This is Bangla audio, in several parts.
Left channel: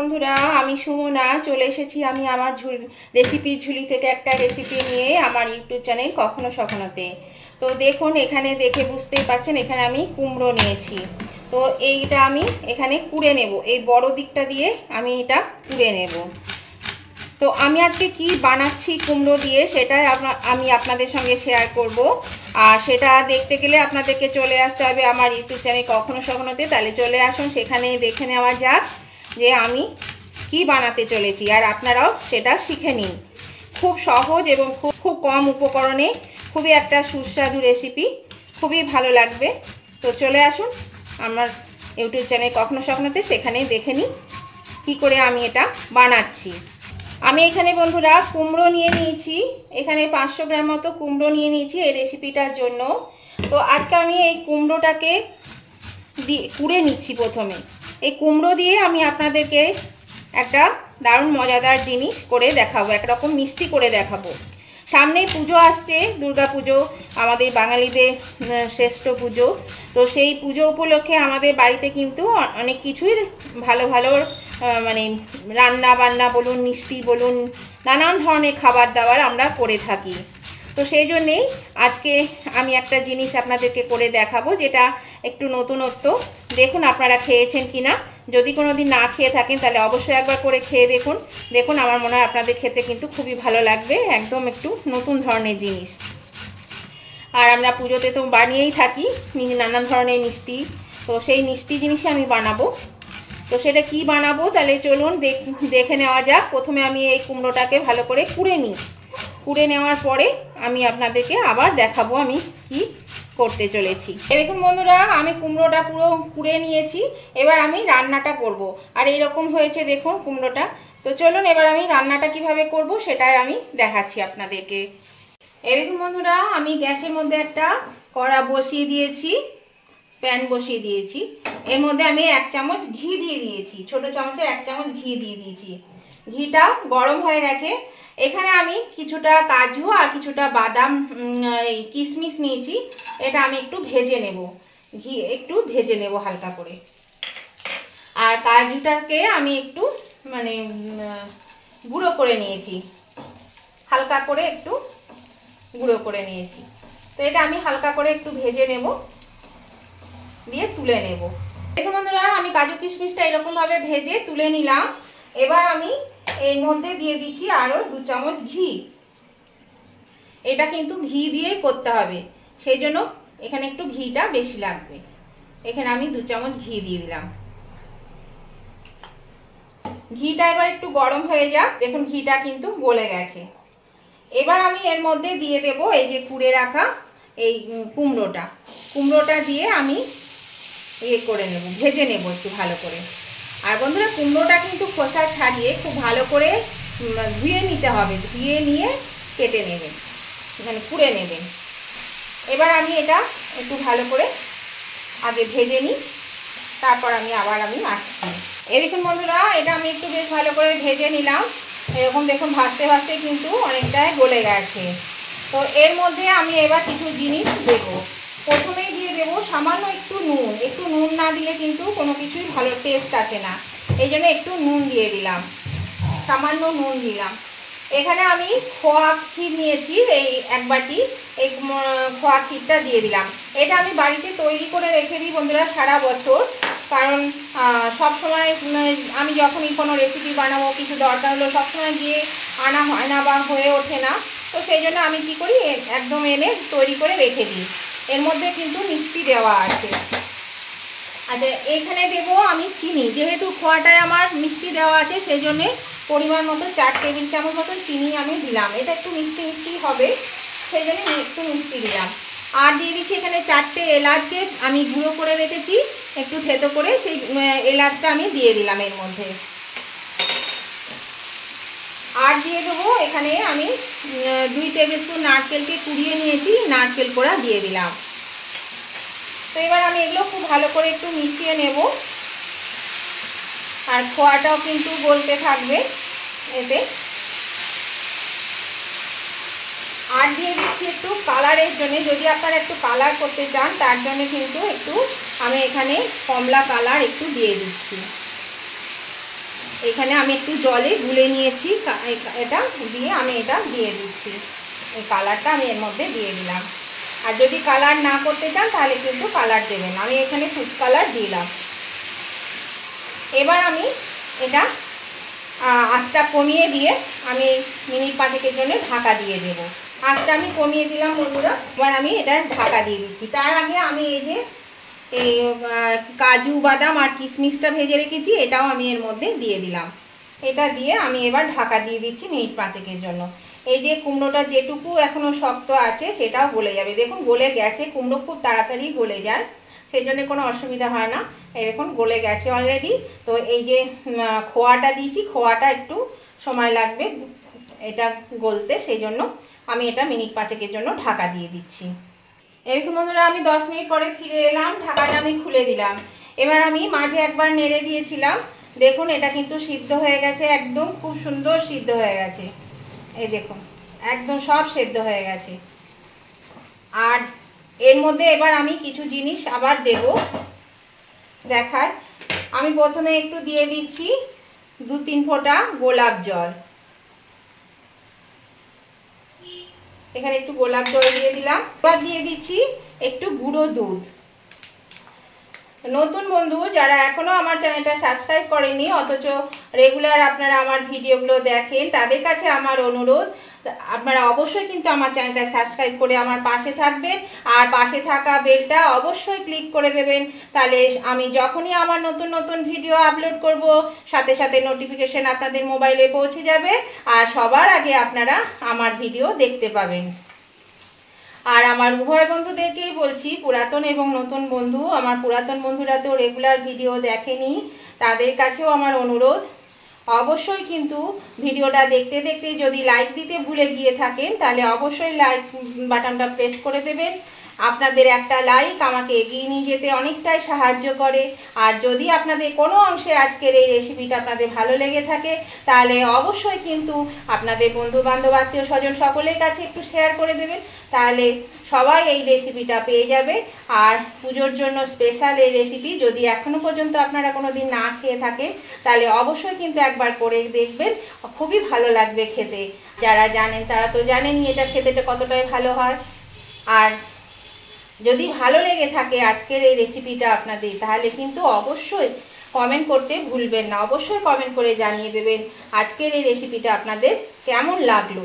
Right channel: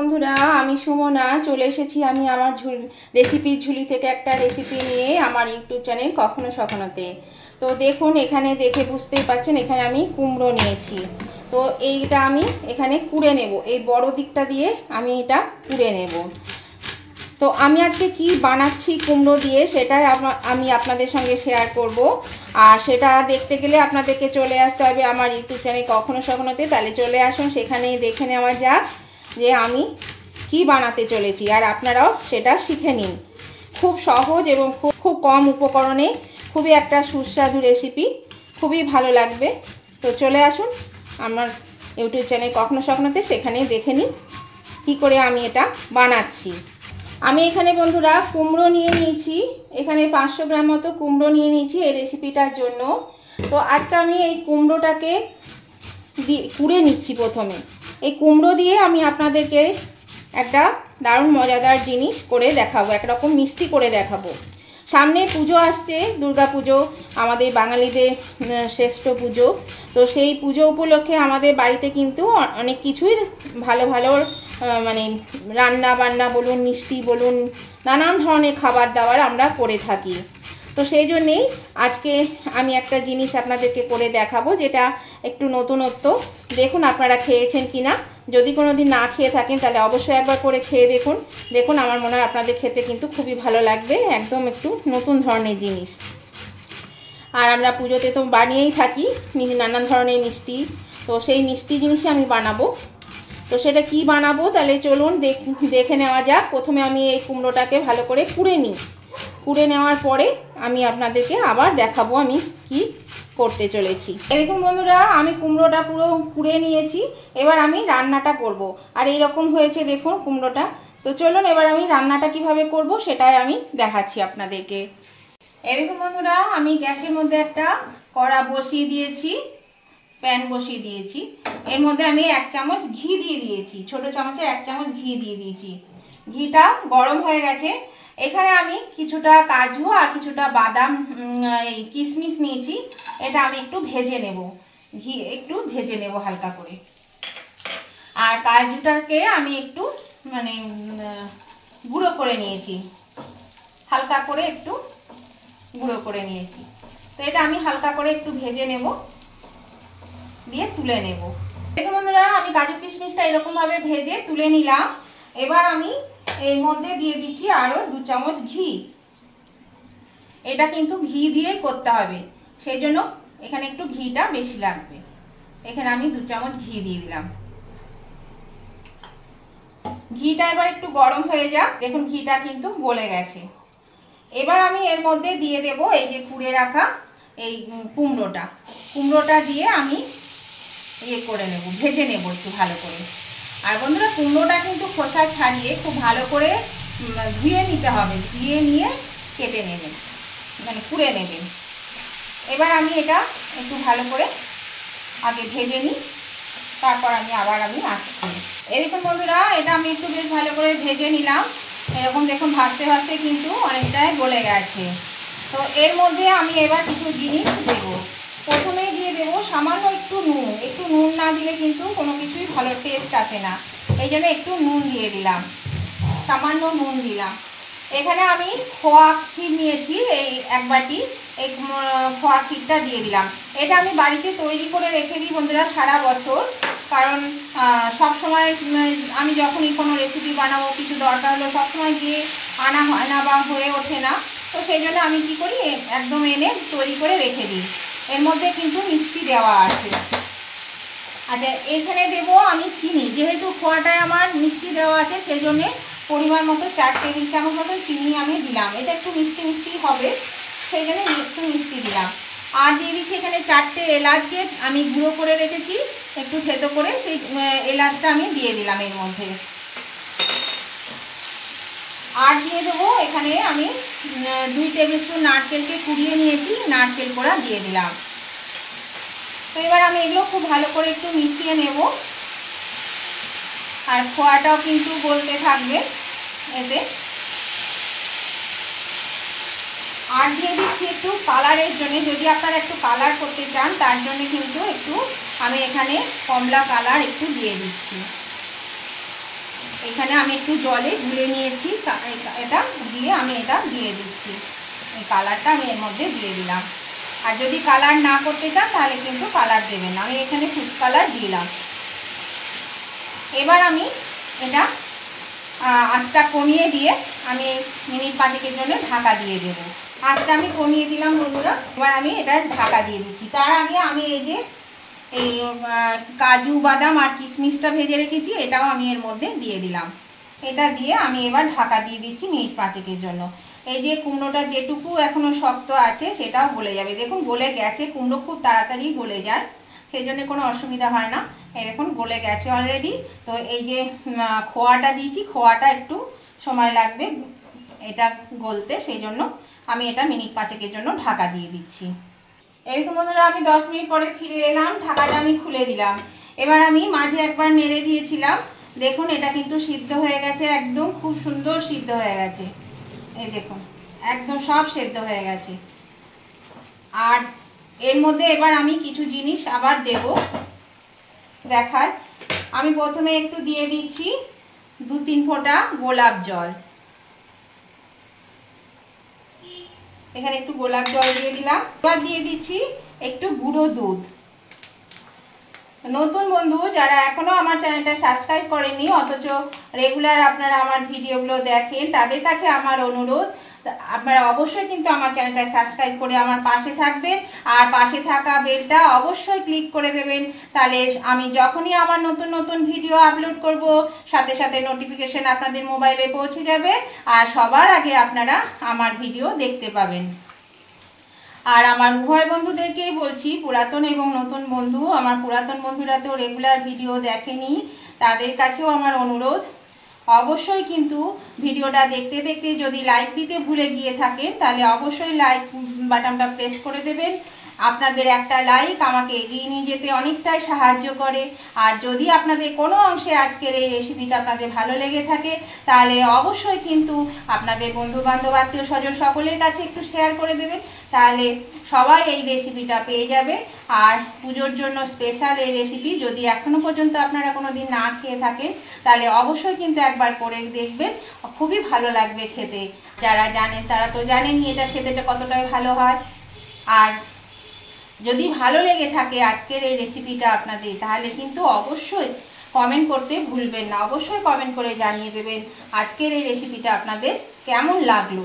বন্ধুরা, আমি সুমনা চলে এসেছি। আমি আমার রেসিপির ঝুলি থেকে একটা রেসিপি নিয়ে আমার ইউটিউব চ্যানেল কখনো সখনোতে। তো দেখুন, এখানে দেখে বুঝতেই পারছেন এখানে আমি কুমড়ো নিয়েছি। তো এইটা আমি এখানে কুড়ে নেব, এই বড় দিকটা দিয়ে আমি এটা কুড়ে নেব। তো আমি আজকে কি বানাচ্ছি কুমড়ো দিয়ে সেটাই আমি আপনাদের সঙ্গে শেয়ার করব। আর সেটা দেখতে গেলে আপনাদেরকে চলে আসতে হবে আমার ইউটিউব চ্যানেল কখনো সখনোতে। তাহলে চলে আসুন, সেখানেই দেখে নেওয়া যাক যে আমি কি বানাতে চলেছি, আর আপনারাও সেটা শিখে নিন। খুব সহজ এবং খুব কম উপকরণে খুবই একটা সুস্বাদু রেসিপি, খুবই ভালো লাগবে। তো চলে আসুন আমার ইউটিউব চ্যানেল কখনো সখনোতে, সেখানেই দেখে নিন কী করে আমি এটা বানাচ্ছি। আমি এখানে বন্ধুরা কুমড়ো নিয়ে নিয়েছি, এখানে 500 গ্রাম মতো কুমড়ো নিয়ে নিয়েছি এই রেসিপিটার জন্য। তো আজকে আমি এই কুমড়োটাকে কুড়ে নিচ্ছি। প্রথমে এই কুমড়ো দিয়ে আমি আপনাদেরকে একটা দারুণ মজাদার জিনিস করে দেখাবো, একরকম মিষ্টি করে দেখাবো। সামনে পুজো আসছে, দুর্গা পুজো, আমাদের বাঙালিদের শ্রেষ্ঠ পুজো। তো সেই পুজো উপলক্ষে আমাদের বাড়িতে কিন্তু অনেক কিছুই ভালো ভালো মানে রান্না বান্না বলুন, মিষ্টি বলুন, নানান ধরনের খাবার দাবার আমরা করে থাকি। তো সেই জন্যেই আজকে আমি একটা জিনিস আপনাদেরকে করে দেখাবো, যেটা একটু নতুনত্ব। দেখুন আপনারা খেয়েছেন কিনা। যদি কোনো দিন না খেয়ে থাকেন তাহলে অবশ্যই একবার করে খেয়ে দেখুন। দেখুন, আমার মনে হয় আপনাদের খেতে কিন্তু খুবই ভালো লাগবে, একদম একটু নতুন ধরনের জিনিস। আর আমরা পুজোতে তো বানিয়েই থাকি নানান ধরনের মিষ্টি, তো সেই মিষ্টি জিনিসই আমি বানাবো। তো সেটা কি বানাবো তাহলে চলুন দেখে নেওয়া যাক। প্রথমে আমি এই কুমড়োটাকে ভালো করে কুড়ে নিই। কুড়ে নেওয়ার পরে আমি আপনাদেরকে আবার দেখাবো আমি কি করতে চলেছি। দেখুন বন্ধুরা, আমি কুমড়োটা পুরো কুড়ে নিয়েছি। এবার আমি রান্নাটা করব। আর এইরকম হয়েছে দেখুন কুমড়োটা। তো চলুন এবার আমি রান্নাটা কিভাবে করব সেটাই আমি দেখাচ্ছি আপনাদেরকে। এই দেখুন বন্ধুরা, আমি গ্যাসের মধ্যে একটা কড়া বসিয়ে দিয়েছি, প্যান বসিয়ে দিয়েছি। এর মধ্যে আমি 1 চামচ ঘি দিয়ে দিয়েছি, ছোট চামচের 1 চামচ ঘি দিয়ে দিয়েছি। ঘিটা গরম হয়ে গেছে। এখানে আমি কিছুটা কাজু আর কিছুটা বাদাম কিশমিশ নিয়েছি। এটা আমি একটু ভেজে নেব, ঘি একটু ভেজে নেব হালকা করে। আর কাজুটাকে আমি একটু মানে গুঁড়ো করে নিয়েছি, হালকা করে একটু গুঁড়ো করে নিয়েছি। তো এটা আমি হালকা করে একটু ভেজে নেব, দিয়ে তুলে নেব। দেখুন বন্ধুরা, আমি কাজু কিশমিশটা এরকম ভাবে ভেজে তুলে নিলাম। এবার আমি এর মধ্যে দিয়ে দিচ্ছি আরো 2 চামচ ঘি। এটা কিন্তু ঘি দিয়ে করতে হবে, সেই জন্য এখানে একটু ঘিটা বেশি লাগবে। এখানে আমি 2 চামচ ঘি দিয়ে দিলাম। ঘিটা এবার একটু গরম হয়ে যাক। দেখুন ঘিটা কিন্তু গলে গেছে। এবার আমি এর মধ্যে দিয়ে দেব এই যে কুড়ে রাখা এই কুমড়োটা দিয়ে আমি করে নেব, ভেজে নেব একটু ভালো করে। আর বন্ধুরা, কুমড়োটা কিন্তু খোসা ছাড়িয়ে খুব ভালো করে ধুয়ে নিতে হবে, ধুয়ে নিয়ে কেটে নেবেন, মানে কুড়ে নেবেন। এবার আমি এটা একটু ভালো করে আগে ভেজে নিই, তারপর আমি আসছি। এরকম বন্ধুরা, এটা আমি একটু বেশ ভালো করে ভেজে নিলাম। এরকম দেখুন ভাজতে ভাজতে কিন্তু অনেকটাই গলে গেছে। তো এর মধ্যে আমি এবার কিছু জিনিস দেবো। প্রথমেই দিয়ে দেবো সামান্য একটু নুন। একটু নুন না দিলে কিন্তু কোনো কিছুই ভালো টেস্ট আসে না, এই জন্য একটু নুন দিয়ে দিলাম, সামান্য নুন দিলাম। এখানে আমি খোয়া ক্ষীর নিয়েছি, এই 1 বাটি, এই খোয়া ক্ষীরটা দিয়ে দিলাম। এটা আমি বাড়িতে তৈরি করে রেখে দিই বন্ধুরা সারা বছর, কারণ সব সময় আমি যখনই কোনো রেসিপি বানাবো, কিছু দরকার হলো, সবসময় গিয়ে আনা হয় না বা হয়ে ওঠে না। তো সেই জন্য আমি কি করি, একদম এনে তৈরি করে রেখে দিই। এর মধ্যে কিন্তু মিষ্টি দেওয়া আছে। আচ্ছা, এখানে দেবো আমি চিনি। যেহেতু খোয়াটায় আমার মিষ্টি দেওয়া আছে, সেই জন্যে পরিমাণ মতো 4 টেবিল চামচ মতো চিনি আমি দিলাম। এটা একটু মিষ্টি মিষ্টি হবে, সেই জন্য একটু মিষ্টি দিলাম। আর দিয়ে দিচ্ছি এখানে 4টে এলাচকে আমি গুঁড়ো করে রেখেছি, একটু থেতো করে, সেই এলাচটা আমি দিয়ে দিলাম এর মধ্যে। আর দিয়ে দেবো এখানে আমি 2 টেবিল স্পুন নারকেলকে কুড়িয়ে নিয়েছি, নারকেল কোড়া দিয়ে দিলাম। তো এবার আমি এগুলো খুব ভালো করে একটু মিশিয়ে নেব। আর খোয়াটাও কিন্তু গলতে থাকবে এতে। আর দিয়ে দিচ্ছি একটু কালারের জন্য, যদি আপনারা একটু কালার করতে চান তার জন্য কিন্তু একটু আমি এখানে কমলা কালার একটু দিয়ে দিচ্ছি। এখানে আমি একটু জলে গুলে নিয়েছি, এটা দিয়ে আমি এটা দিয়ে দিচ্ছি। এই কালারটা আমি এর মধ্যে দিয়ে দিলাম। আর যদি কালার না করতে চান তাহলে কিন্তু কালার দেবেন। আমি এখানে ফুড কালার দিলাম। এবার আমি এটা আঁচটা কমিয়ে দিয়ে আমি মিনিট 5 জন্য ঢাকা দিয়ে দেব। আঁচটা আমি কমিয়ে দিলাম বন্ধুরা। এবার আমি এটা ঢাকা দিয়ে দিচ্ছি। তার আগে আমি এই যে এই কাজু বাদাম আর কিশমিশটা ভেজে রেখেছি, এটাও আমি এর মধ্যে দিয়ে দিলাম। এটা দিয়ে আমি এবার ঢাকা দিয়ে দিচ্ছি মিনিট 5 জন্য। এই যে কুমড়োটা যেটুকু এখনো শক্ত আছে সেটাও গলে যাবে। দেখুন গলে গেছে, কুমড়ো খুব তাড়াতাড়ি গলে যায়, সেই জন্য কোনো অসুবিধা হয় না। এই দেখুন গলে গেছে অলরেডি। তো এই যে খোয়াটা দিয়েছি, খোয়াটা একটু সময় লাগবে এটা গলতে, সেই জন্য আমি এটা মিনিট 5 জন্য ঢাকা দিয়ে দিচ্ছি। এরকম বন্ধুরা আমি 10 মিনিট পরে ফিরে এলাম, ঢাকাটা আমি খুলে দিলাম। এবার আমি মাঝে একবার নেড়ে দিয়েছিলাম, দেখুন এটা কিন্তু সিদ্ধ হয়ে গেছে, একদম খুব সুন্দর সিদ্ধ হয়ে গেছে। এই দেখুন একদম সব সেদ্ধ হয়ে গেছে। আর এর মধ্যে এবার আমি কিছু জিনিস আবার দেব দেখার। আমি প্রথমে একটু দিয়ে দিচ্ছি 2-3 ফোঁটা গোলাপ জল। এখানে একটু গোলাপ জল দিয়ে দিলাম। এবার দিয়ে দিচ্ছি একটু গুঁড়ো দুধ। নতুন বন্ধু যারা এখনো আমার চ্যানেলটা সাবস্ক্রাইব করেনি অথচ রেগুলার আপনারা আমার ভিডিওগুলো দেখেন, তাদের কাছে আমার অনুরোধ, আপনারা অবশ্যই কিন্তু আমার চ্যানেলটা সাবস্ক্রাইব করে আমার পাশে থাকবেন। আর পাশে থাকা বেলটা অবশ্যই ক্লিক করে দেবেন, তাহলে আমি যখনই আমার নতুন নতুন ভিডিও আপলোড করব সাথে সাথে নোটিফিকেশন আপনাদের মোবাইলে পৌঁছে যাবে, আর সবার আগে আপনারা আমার ভিডিও দেখতে পাবেন। আর আমার উভয় বন্ধুদেরকেই বলছি, পুরাতন এবং নতুন বন্ধু, আমার পুরাতন বন্ধুরা তো রেগুলার ভিডিও দেখেনি, তাদের কাছেও আমার অনুরোধ, অবশ্যই কিন্তু ভিডিওটা দেখতে দেখতে যদি লাইক দিতে ভুলে গিয়ে থাকেন তাহলে অবশ্যই লাইক বাটনটা প্রেস করে দেবেন। আপনাদের একটা লাইক আমাকে এগিয়ে নিয়ে যেতে অনেকটাই সাহায্য করে। আর যদি আপনাদের কোনো অংশে আজকের এই রেসিপিটা আপনাদের ভালো লেগে থাকে তাহলে অবশ্যই কিন্তু আপনাদের বন্ধু বান্ধব আত্মীয় স্বজন সকলের কাছে একটু শেয়ার করে দেবেন, তাহলে সবাই এই রেসিপিটা পেয়ে যাবে। আর পুজোর জন্য স্পেশাল এই রেসিপি যদি এখনো পর্যন্ত আপনারা কোনোদিন না খেয়ে থাকেন তাহলে অবশ্যই কিন্তু একবার করে দেখবেন, খুবই ভালো লাগবে খেতে। যারা জানেন তারা তো জানেনই এটা খেতে কতটাই ভালো হয়। আর যদি ভালো লেগে থাকে আজকের এই রেসিপিটা আপনাদের, তাহলে কিন্তু অবশ্যই কমেন্ট করতে ভুলবেন না। অবশ্যই কমেন্ট করে জানিয়ে দেবেন আজকের এই রেসিপিটা আপনাদের কেমন লাগলো।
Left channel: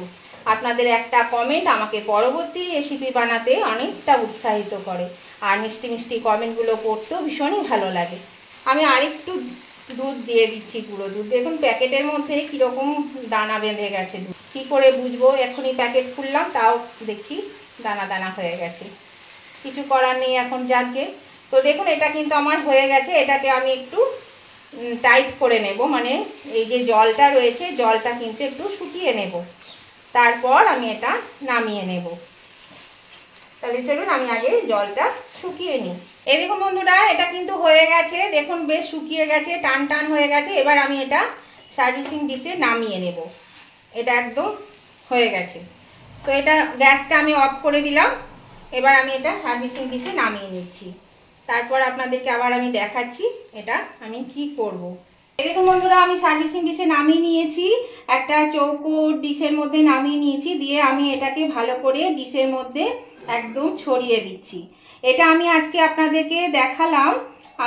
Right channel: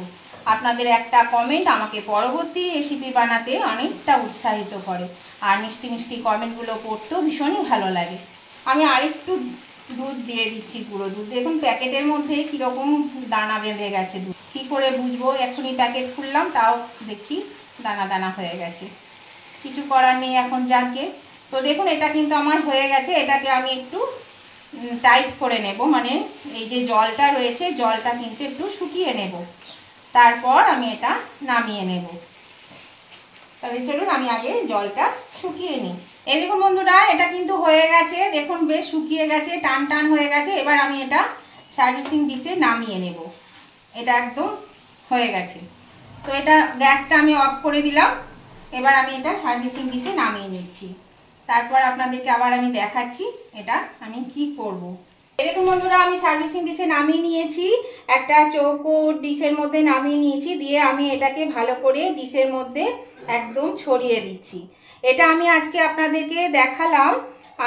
আপনাদের একটা কমেন্ট আমাকে পরবর্তী রেসিপি বানাতে অনেকটা উৎসাহিত করে। আর মিষ্টি মিষ্টি কমেন্টগুলো পড়তেও ভীষণই ভালো লাগে। আমি আরেকটু দুধ দিয়ে দিচ্ছি, পুরো দুধ। দেখুন প্যাকেটের মধ্যে কীরকম দানা বেঁধে গেছে, দুধ কী করে বুঝবো? এখনই প্যাকেট খুললাম তাও দেখছি দানা দানা হয়ে গেছে, কিছু করার নেই এখন যাকে। তো দেখুন এটা কিন্তু আমার হয়ে গেছে। এটাকে আমি একটু টাইট করে নেব, মানে এই যে জলটা রয়েছে জলটা কিন্তু একটু শুকিয়ে নেব, তারপর আমি এটা নামিয়ে নেব। তাহলে চলুন আমি আগে জলটা শুকিয়ে নিই। এই দেখুন বন্ধুরা এটা কিন্তু হয়ে গেছে, দেখুন বেশ শুকিয়ে গেছে, টান টান হয়ে গেছে। এবার আমি এটা সার্ভিসিং ডিশে নামিয়ে নেব। এটা একদম হয়ে গেছে। তো এটা গ্যাসটা আমি অফ করে দিলাম। এবার আমি এটা সার্ভিসিং ডিশে নামিয়ে নিচ্ছি, তারপর আপনাদেরকে আবার আমি দেখাচ্ছি এটা আমি কি করব। দেখুন বন্ধুরা আমি সার্ভিসিং ডিশে নামিয়ে নিয়েছি, একটা চৌকো ডিশের মধ্যে নামিয়ে নিয়েছি, দিয়ে আমি এটাকে ভালো করে ডিশের মধ্যে একদম ছড়িয়ে দিচ্ছি। এটা আমি আজকে আপনাদেরকে দেখালাম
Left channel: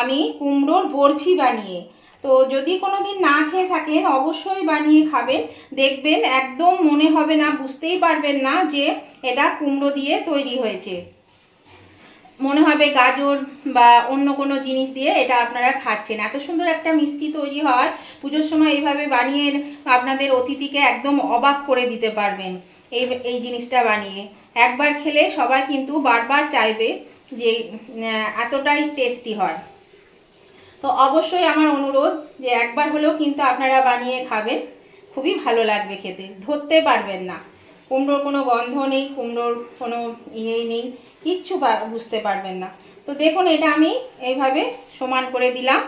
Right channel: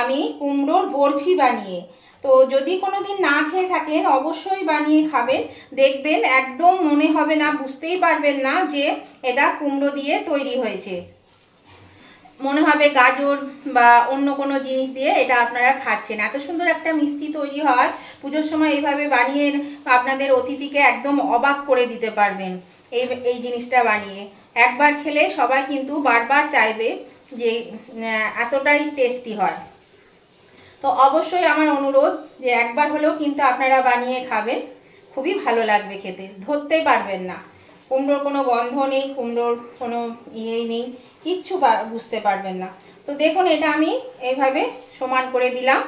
আমি কুমড়োর বরফি বানিয়ে। তো যদি কোনোদিন না খেয়ে থাকেন অবশ্যই বানিয়ে খাবেন, দেখবেন একদম মনে হবে না, বুঝতেই পারবেন না যে এটা কুমড়ো দিয়ে তৈরি হয়েছে, মনে হবে গাজর বা অন্য কোনো জিনিস দিয়ে এটা আপনারা খাচ্ছেন। এত সুন্দর একটা মিষ্টি তৈরি হয়, পুজোর সময় এইভাবে বানিয়ে আপনাদের অতিথিকে একদম অবাক করে দিতে পারবেন। এই জিনিসটা বানিয়ে একবার খেলে সবাই কিন্তু বারবার চাইবে, যে এতটাই টেস্টি হয়। তো অবশ্যই আমার অনুরোধ যে একবার হলেও কিন্তু আপনারা বানিয়ে খাবেন, খুবই ভালো লাগবে খেতে, ধরতে পারবেন না। কুমড়োর কোনো গন্ধ নেই, কুমড়োর কোনো ইয়েই নেই, কিচ্ছু বুঝতে পারবেন না। তো দেখুন এটা আমি এইভাবে সমান করে দিলাম,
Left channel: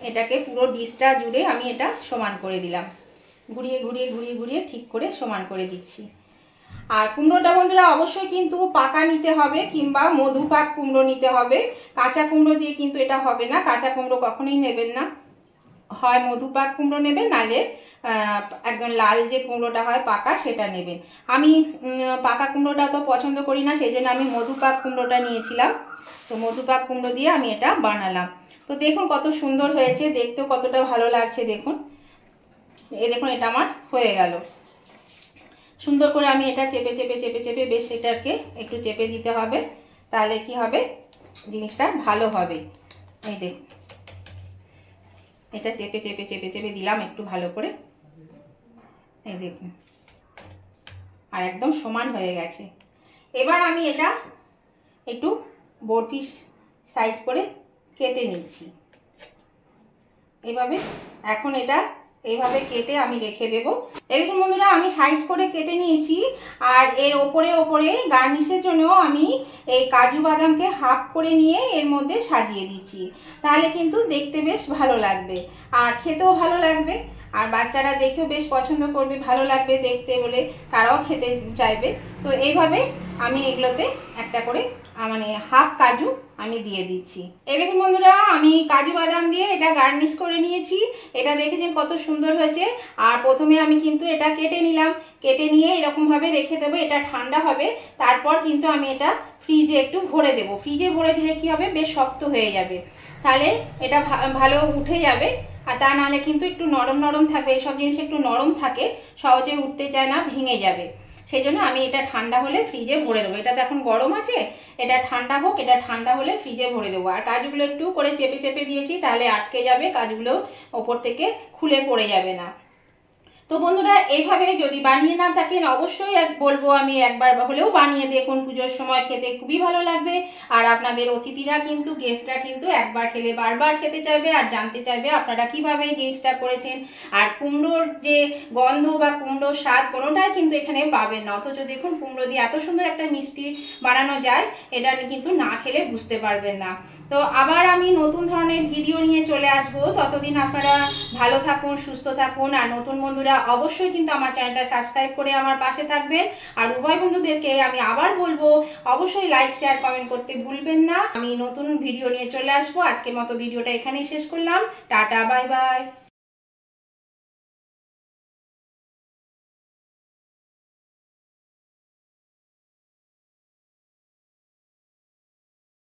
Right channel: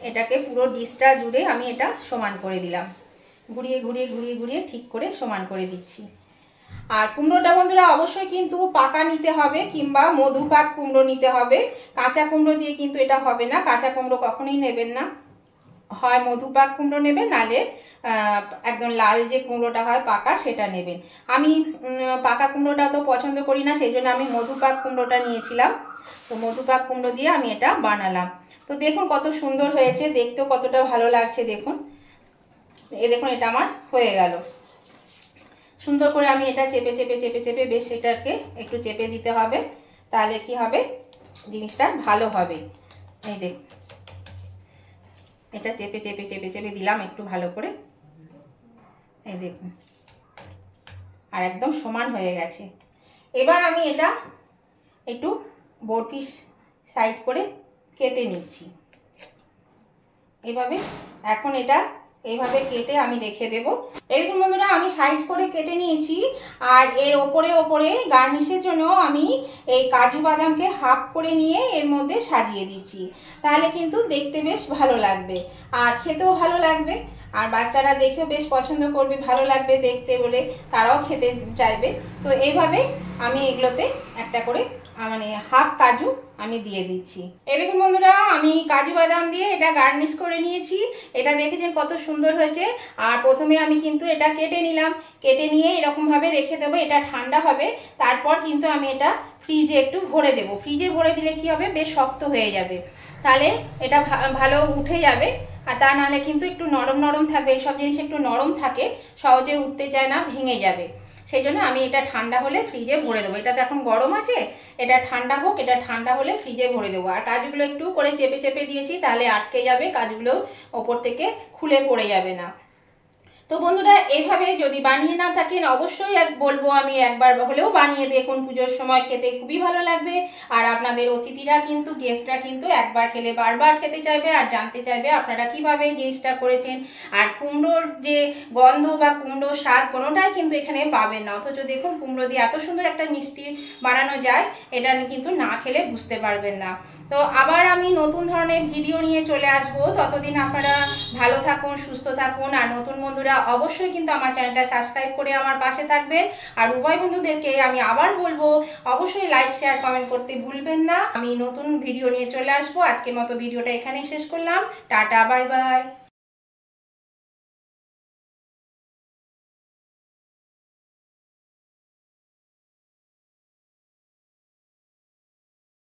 এটাকে পুরো ডিশটা জুড়ে আমি এটা সমান করে দিলাম, ঘুরিয়ে ঘুরিয়ে ঘুরিয়ে ঘুরিয়ে ঠিক করে সমান করে দিচ্ছি। আর কুমড়োটা বন্ধুরা অবশ্যই কিন্তু পাকা নিতে হবে কিংবা মধুপাক কুমড়ো নিতে হবে, কাঁচা কুমড়ো দিয়ে কিন্তু এটা হবে না, কাঁচা কুমড়ো কখনোই নেবেন না। হয় মধুপাক কুমড়ো নেবেন, নালে একদম লাল যে কুমড়োটা হয় পাকা সেটা নেবেন। আমি পাকা কুমড়োটা তো পছন্দ করি না, সেই জন্য আমি মধুপাক কুমড়োটা নিয়েছিলাম। তো মধুপাক কুমড়ো দিয়ে আমি এটা বানালাম। তো দেখুন কত সুন্দর হয়েছে, দেখতেও কতটা ভালো লাগছে। দেখুন দেখুন এটা আমার হয়ে গেল। সুন্দর করে আমি এটা চেপে চেপে চেপে চেপে বেশ এটাকে একটু চেপে দিতে হবে, তাহলে কি হবে জিনিসটা ভালো হবে। এই দেখুন এটা চেপে চেপে চেপে চেপে দিলাম একটু ভালো করে, এই দেখুন আর একদম সমান হয়ে গেছে। এবার আমি এটা একটু বরফি সাইজ করে কেটে নিচ্ছি এভাবে। এখন এটা এইভাবে কেটে আমি রেখে দেব। এরকম বন্ধুরা আমি সাইজ করে কেটে নিয়েছি। আর এর ওপরে ওপরে গার্নিশের জন্য আমি এই কাজু বাদামকে হাফ করে নিয়ে এর মধ্যে সাজিয়ে দিচ্ছি, তাহলে কিন্তু দেখতে বেশ ভালো লাগবে আর খেতেও ভালো লাগবে। আর বাচ্চারা দেখেও বেশ পছন্দ করবে, ভালো লাগবে দেখতে বলে তারাও খেতে চাইবে। তো এইভাবে আমি এগুলোতে একটা করে মানে হাফ কাজু আমি দিয়ে দিচ্ছি। এই দেখুন বন্ধুরা আমি কাজু বাদাম দিয়ে এটা গার্নিশ করে নিয়েছি। এটা দেখেছেন কত সুন্দর হয়েছে। আর প্রথমে আমি কিন্তু এটা কেটে নিলাম, কেটে নিয়ে এরকমভাবে রেখে দেবো, এটা ঠান্ডা হবে। তারপর কিন্তু আমি এটা ফ্রিজে একটু ভরে দেবো। ফ্রিজে ভরে দিলে কি হবে, বেশ শক্ত হয়ে যাবে, তাহলে এটা ভালো উঠে যাবে। আর তা নাহলে কিন্তু একটু নরম নরম থাকবে, এইসব জিনিস একটু নরম থাকে, সহজে উঠতে চায় না, ভেঙে যাবে। সেই জন্য আমি এটা ঠান্ডা হলে ফ্রিজে ভরে দেবো। এটা তো এখন গরম আছে, এটা ঠান্ডা হোক, এটা ঠান্ডা হলে ফ্রিজে ভরে দেবো। আর কাজুগুলো একটু করে চেপে চেপে দিয়েছি, তাহলে আটকে যাবে, কাজুগুলো ওপর থেকে খুলে পড়ে যাবে না। তো বন্ধুরা এইভাবে যদি বানিয়ে না থাকেন অবশ্যই বলবো আমি একবার হলেও বানিয়ে দেখুন, পুজোর সময় খেতে খুবই ভালো লাগবে। আর আপনাদের অতিথিরা কিন্তু গেস্টরা কিন্তু একবার খেলে বারবার খেতে চাইবে আর জানতে চাইবে আপনারা কিভাবে এই জিনিসটা করেছেন। আর কুমড়োর যে গন্ধ বা কুমড়োর স্বাদ কোনোটাই কিন্তু এখানে পাবেন না, অথচ দেখুন কুমড়ো দিয়ে এত সুন্দর একটা মিষ্টি বানানো যায়, এটা কিন্তু না খেলে বুঝতে পারবেন না। তো আবার আমি নতুন ধরনের ভিডিও নিয়ে চলে আসবো, ততদিন আপনারা ভালো থাকুন, সুস্থ থাকুন। আর নতুন বন্ধুরা অবশ্যই কিন্তু আমার চ্যানেলটা সাবস্ক্রাইব করে আমার পাশে থাকবেন। আর উভয় বন্ধুদেরকে আমি আবার বলবো অবশ্যই লাইক শেয়ার কমেন্ট করতে ভুলবেন না। আমি নতুন ভিডিও নিয়ে চলে আসবো। আজকের মতো ভিডিওটা এখানেই শেষ করলাম। Tata, bye bye.